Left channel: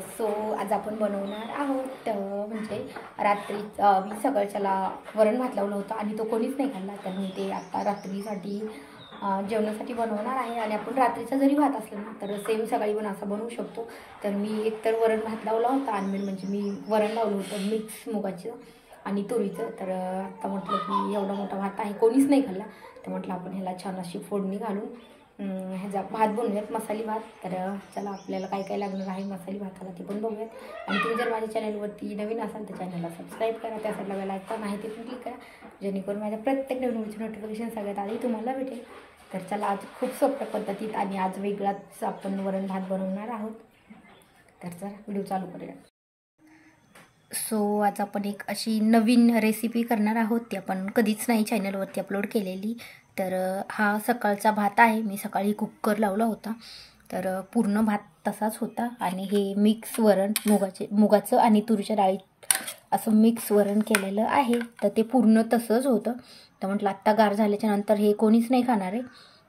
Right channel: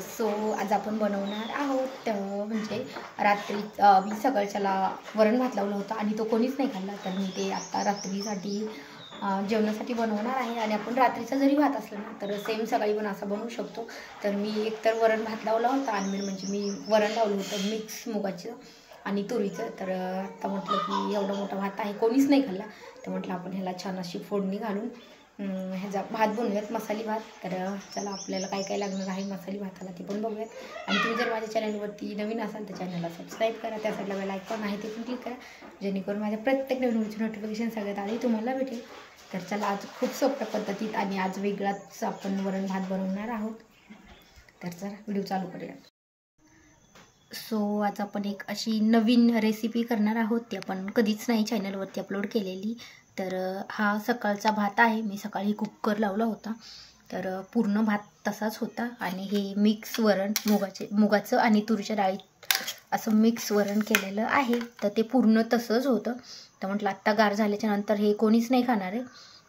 So आज आपण बनवणार आहोत म्हणजे रात्री मी सकाळच्याला वरण भात लावलं होतं आणि तो कोणीच नाही खाल्ला, तर मी ते आता रात्रीसाठी जेवणासाठी बनवणार आहे. आणि आपण रात्रीचा जरी भात असला ना तर सेम सकाळी पण असा बनवू शकतो. तर मी एकतर वरण भात लावला होता आणि म्हणजे मी वरण लावलं होतं मिक्स मुगाचं आणि तुरीचं. तर आता म्हटलं की एवढा मोठा भात आहे, कोणीच नाही खाल्ला, तर म्हटलं आपण ह्याला छान अशी फोडणी घालून ह्याचा भात बनवूयात, मसाली भात. तर चला आपल्याला काय काय लागणार आहे मसाली भाताला ते पण बघूयात. आणि तुम्ही जर माझ्या चॅनलवरती नवीन असाल तर चॅनलला सबस्क्राईब करा, त्या साईडला बेल आयकॉन आहे ते पण क्लिक करा, जेणेकरून माझ्या प्रत्येक नवीन व्हिडिओची नोटिफिकेशन सगळ्यात आधी तुम्हाला भेटेल. तर चला आज खूप सोप्या पद्धतीत आणि आज वेगळाच आपण वरण भात बनवणार आहोत. तर चला व्हिडिओ चालू करूया. सो आज आपण एक अशी नवीन रेसिपी करणार आहोत, ती आपण कधीच नाही चॅनलवरती अपलोड केलेली. तर हा सकाळचा भात आहे, मी सकाळी कुकर लावला होता, तर पूर्ण भात तसाच होता. आणि हे मिक्स वरण मुगाचं आणि तुरीच्या डाळीत असं मिक्स वरण केलेलं आहे, तर ते पूर्ण तसंच होतं. तर म्हटलं आत्ता गार झाल्याच्या नंतर हे कोणीच नाही खाणार आहे,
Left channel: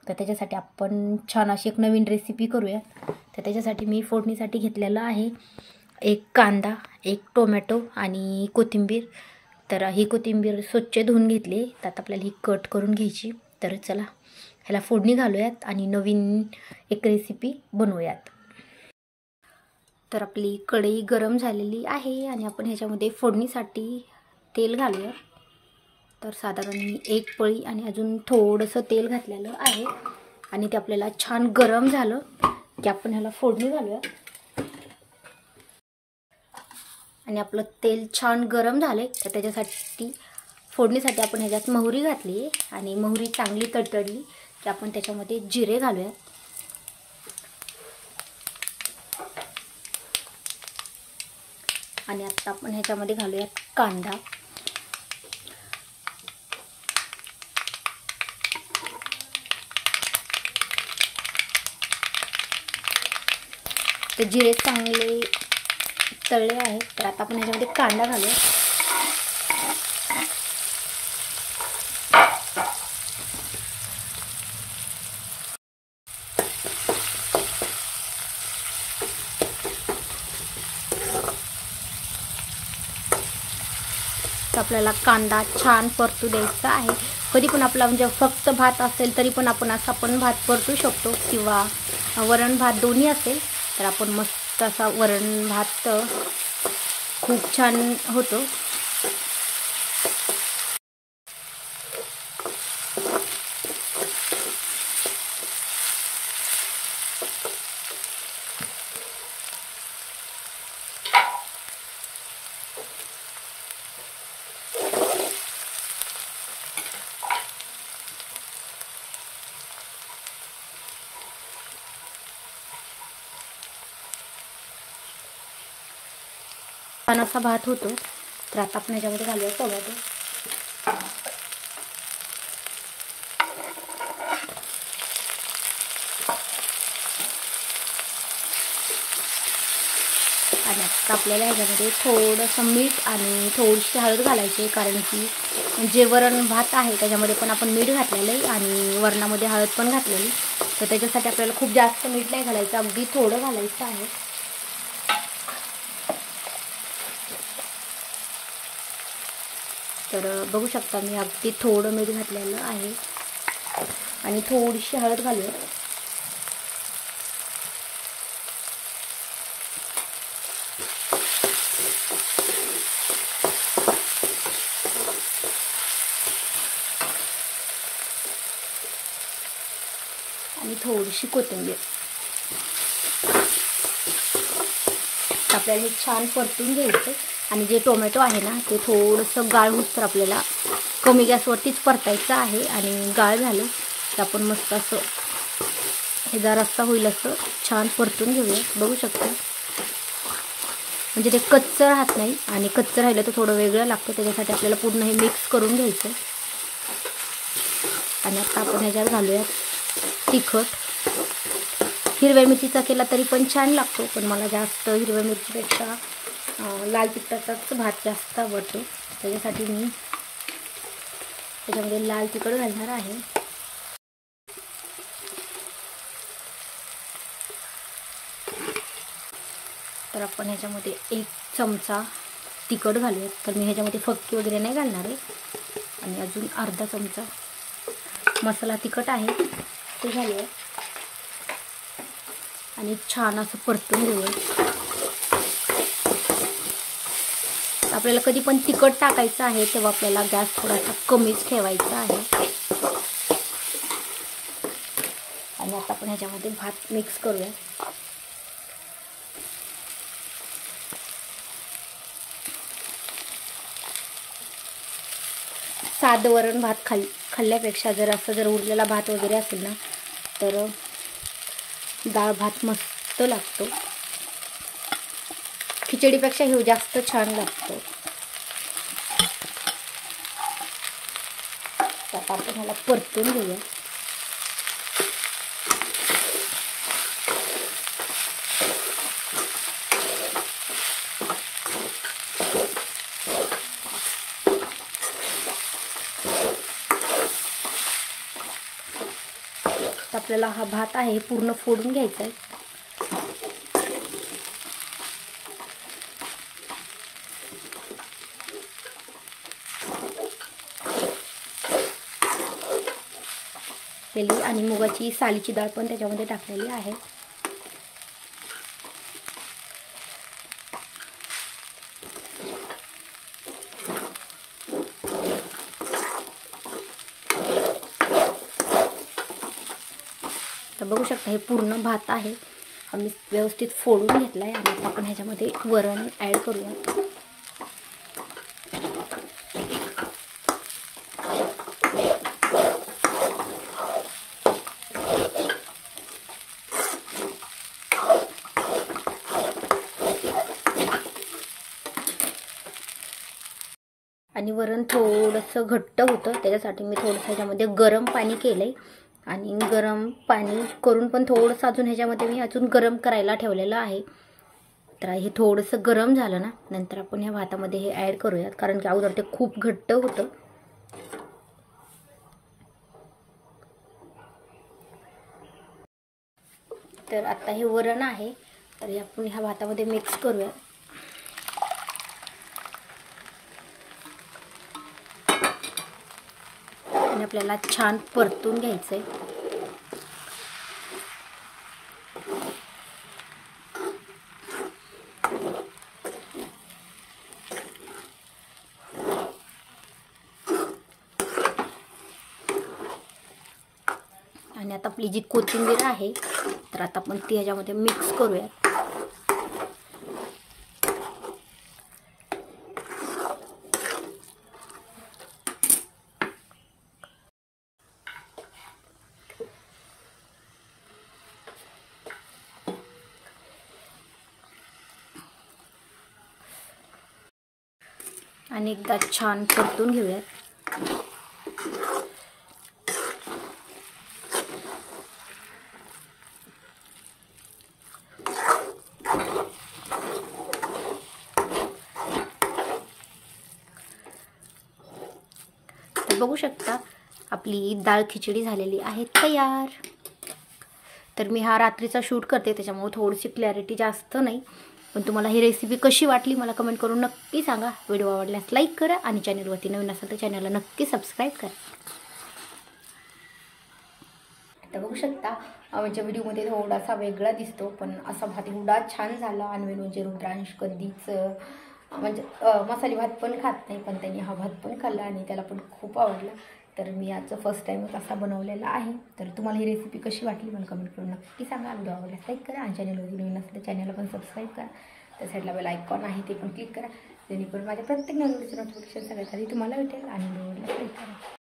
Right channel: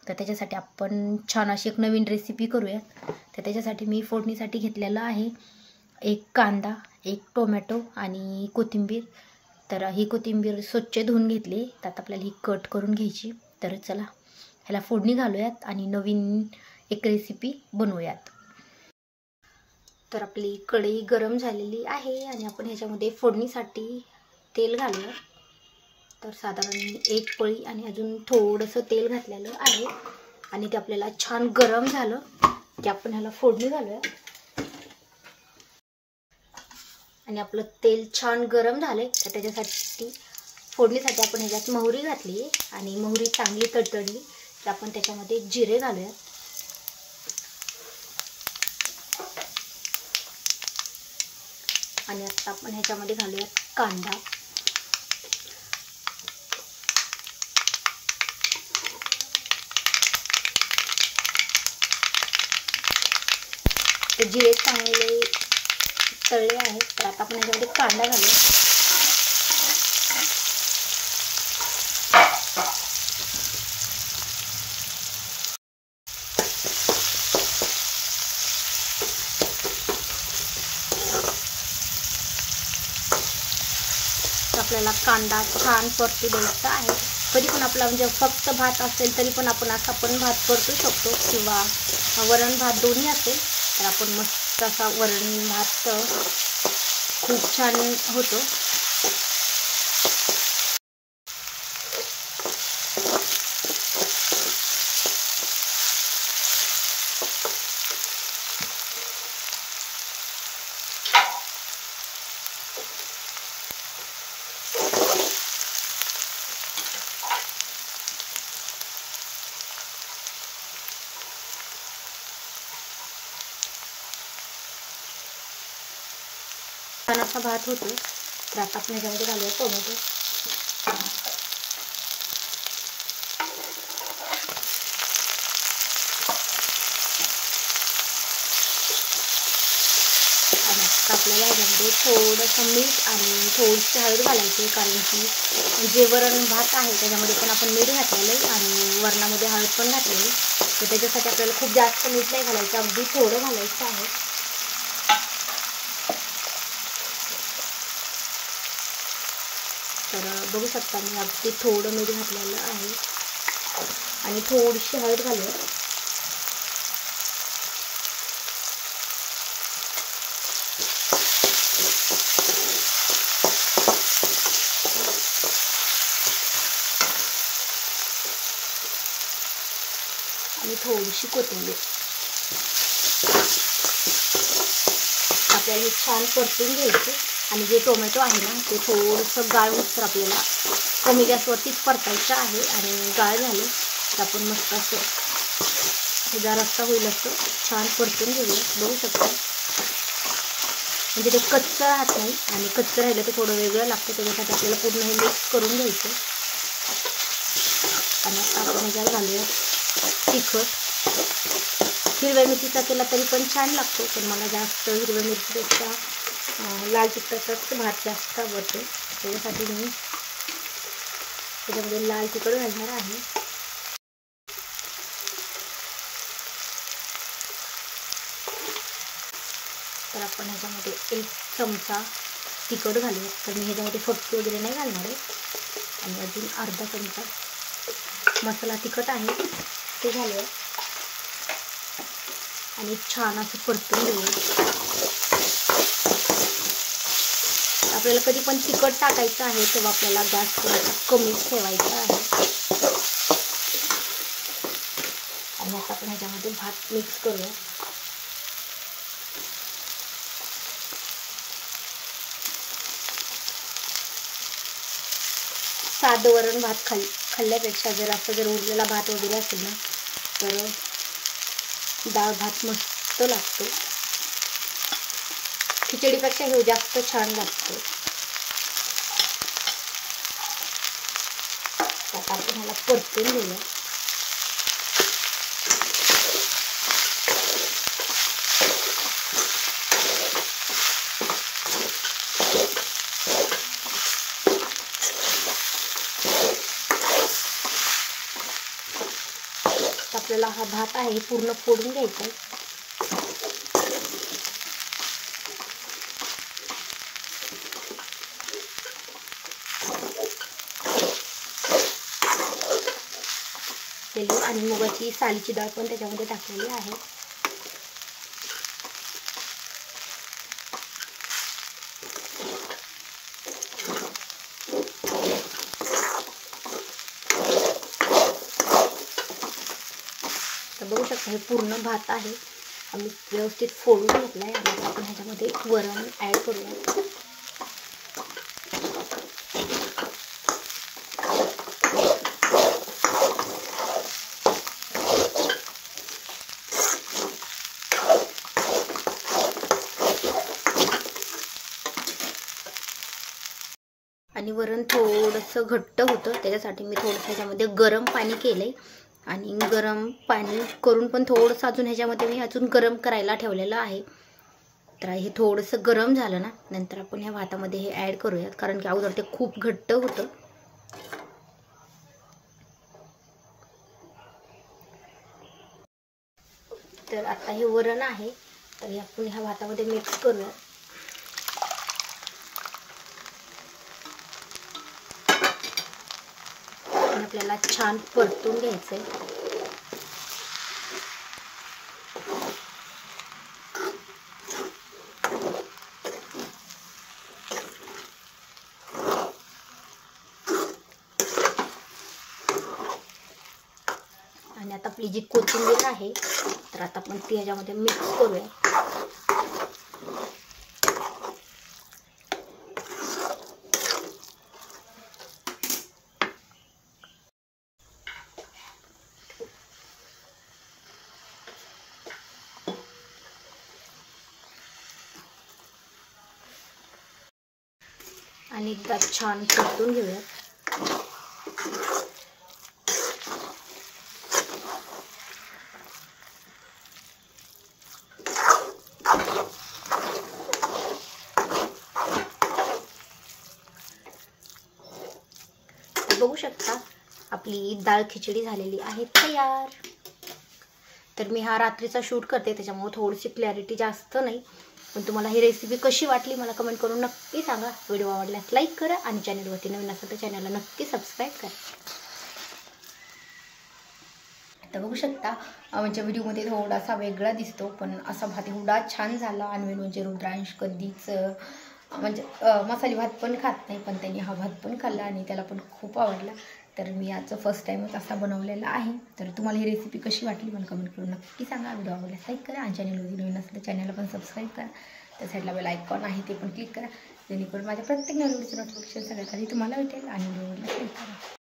तर त्याच्यासाठी आपण छान अशी एक नवीन रेसिपी करूया. तर त्याच्यासाठी मी फोडणीसाठी घेतलेलं आहे एक कांदा, एक टोमॅटो आणि कोथिंबीर. तर ही कोथिंबीर स्वच्छ धुवून घेतली, त्यात आपल्याला ही कट करून घ्यायची. तर चला ह्याला फोडणी घालूयात आणि नवीन एक रेसिपी बनवूयात. तर आपली कढई गरम झालेली आहे आणि आपण ह्याच्यामध्ये फोडणीसाठी तेल घालूया. तर साधारण एक पळी आणि अजून थोडंसं तेल घातलेलं आहे आणि ते आपल्याला छान गरम झालं की आपण ह्याला फोडणी घालूया. आणि आपलं तेल छान गरम झालं तर त्याच्यासाठी फोडणीसाठी आपण ह्याच्यात मोहरी घातली आणि मोहरी चांगली तडतडली की आपण त्याच्यामध्ये जिरे घालूया. आणि आता आपण ह्याच्यामध्ये घालूया कांदा. तर जिरे चांगले तळले आहेत, तर आता आपण ह्याच्यामध्ये कांदा घालूया. आपल्याला कांदा छान परतू द्यायचा आहे. कधी पण आपला म्हणजे फक्त भात असेल तरी पण आपण असा पण भात परतू शकतो, किंवा वरण भात दोन्ही असेल तर आपण मस्त असा वरण भात खूप छान होतो. छान असा भात होतो. तर आता आपण ह्याच्यामध्ये घालूया टोमॅटो. आणि आता आपल्याला ह्याच्यामध्ये थोडंसं मीठ आणि थोडीशी हळद घालायची, कारण की जे वरण भात आहे त्याच्यामध्ये पण आपण मीठ घातलेलं आहे आणि वरणामध्ये हळद पण घातलेली, तर त्याच्यासाठी आपल्याला खूप जास्त मीठ नाही घालायचं, अगदी थोडं घालायचं आहे. तर बघू शकता मी अगदी थोडं मीठ घातलेलं आहे आणि थोडीशी हळद घालूया. आणि थोडीशी कोथिंबीर. आपल्याला छान परतून घ्यायचं. आणि जे टोमॅटो आहे ना ते थोडंसं गाळ होतं, आपल्याला कमी गॅसवरतीच परतायचं आहे. आणि गाळ झाले तर आपण मस्त असं ह्याचा रस्सा होईल असं छान परतून घेऊया. बघू शकता म्हणजे ते कच्चं राहत नाही, आणि कच्चं राहिलं तर थोडं वेगळं लागतं, त्याच्यासाठी आपल्याला पूर्ण हे मिक्स करून घ्यायचं. आणि आता आपण ह्याच्यात घालूया तिखट. हिरव्या मिरचीचा केला तरी पण छान लागतो, पण मला जास्त हिरव्या मिरचीपेक्षा लाल तिखटाचाच भात जास्त आवडतो, त्याच्यासाठी मी त्याच्यामध्ये लाल तिखट घालणार आहे. तर आपण ह्याच्यामध्ये 1 चमचा तिखट घालूया. तर मी ह्याच्यामध्ये फक्त वगैरे नाही घालणार आहे. आणि अजून अर्धा चमचा मसाला तिखट आहे ते घालूया आणि छान असं परतून घेऊया. आपल्याला कधी पण तिखट टाकायचं आहे तेव्हा आपल्याला गॅस थोडासा कमीच ठेवायचा आहे. आणि आता आपण ह्याच्यामध्ये भात मिक्स करूया. साधं वरण भात खाल्ल्यापेक्षा जर उरलेला भात वगैरे असेल ना तर डाळ भात मस्त लागतो. खिचडीपेक्षा हे जास्त छान लागतो. आता आपण ह्याला परतून घेऊया. आपल्याला हा भात आहे पूर्ण फोडून घ्यायचा आहे. आणि मुगाची सालीची डाळ पण त्याच्यामध्ये टाकलेली आहे. तर बघू शकता हे पूर्ण भात आहे आम्ही व्यवस्थित फोडून घेतला आहे. आणि आपण ह्याच्यामध्ये वरण ॲड करूया. आणि वरण थोडंसं घट्ट होतं त्याच्यासाठी मी थोडंसं ह्याच्यामध्ये गरम पाणी केलं आहे. आणि गरम पाणी करून पण थोडंसं अजून ह्याच्यामध्ये मी अजून गरम करायला ठेवलेलं आहे. तर हे थोडंसं गरम झालं ना नंतर आपण ह्या भातामध्ये हे ॲड करूयात कारण की अगोदर ते खूप घट्ट होतं. तर आता हे वरण आहे तर हे आपण ह्या भातामध्ये मिक्स करूया. आणि आपल्याला छान परतून घ्यायचं आहे. आणि आता आपली जी कोथिंबीर आहे तर आता आपण ती ह्याच्यामध्ये मिक्स करूया. आणि एकदा छान परतून घेऊया. बघू शकता आपली डाळ खिचडी झालेली आहे तयार. तर मी हा रात्रीचा शूट करते त्याच्यामुळे थोडीशी क्लॅरिटी जास्त नाही पण तुम्हाला ही रेसिपी कशी वाटली मला कमेंट करून नक्की सांगा. व्हिडिओ आवडल्यास लाईक करा आणि चॅनलवरती नवीन असेल तर चॅनलला नक्की सबस्क्राईब करा. आता बघू शकता म्हणजे व्हिडिओमध्ये थोडासा वेगळा दिसतो पण असा भात एवढा छान झाला. आणि म्हणजे रुद्रांश कधीच म्हणजे मसाले भात पण खात नाही पण त्यांनी हा भात पण खाल्ला आणि त्याला पण खूप आवडला. तर मी आजचं फर्स्ट टाईमच असा बनवलेला आहे. तर तुम्हाला ही रेसिपी कशी वाटली मला कमेंट करून नक्की सांगा. व्हिडिओ आवडल्यास लाईक करा आणि चॅनलवरती नवीन असेल तर चॅनलला पण सबस्क्राईब करा. त्या साईडला बेल आयकॉन आहे ते पण क्लिक करा जेणेकरून माझ्या प्रत्येक नवीन व्हिडिओचं नोटिफिकेशन सगळ्यात आधी तुम्हाला भेटेल. आणि व्हिडिओ आवडल्यास लाईक करा.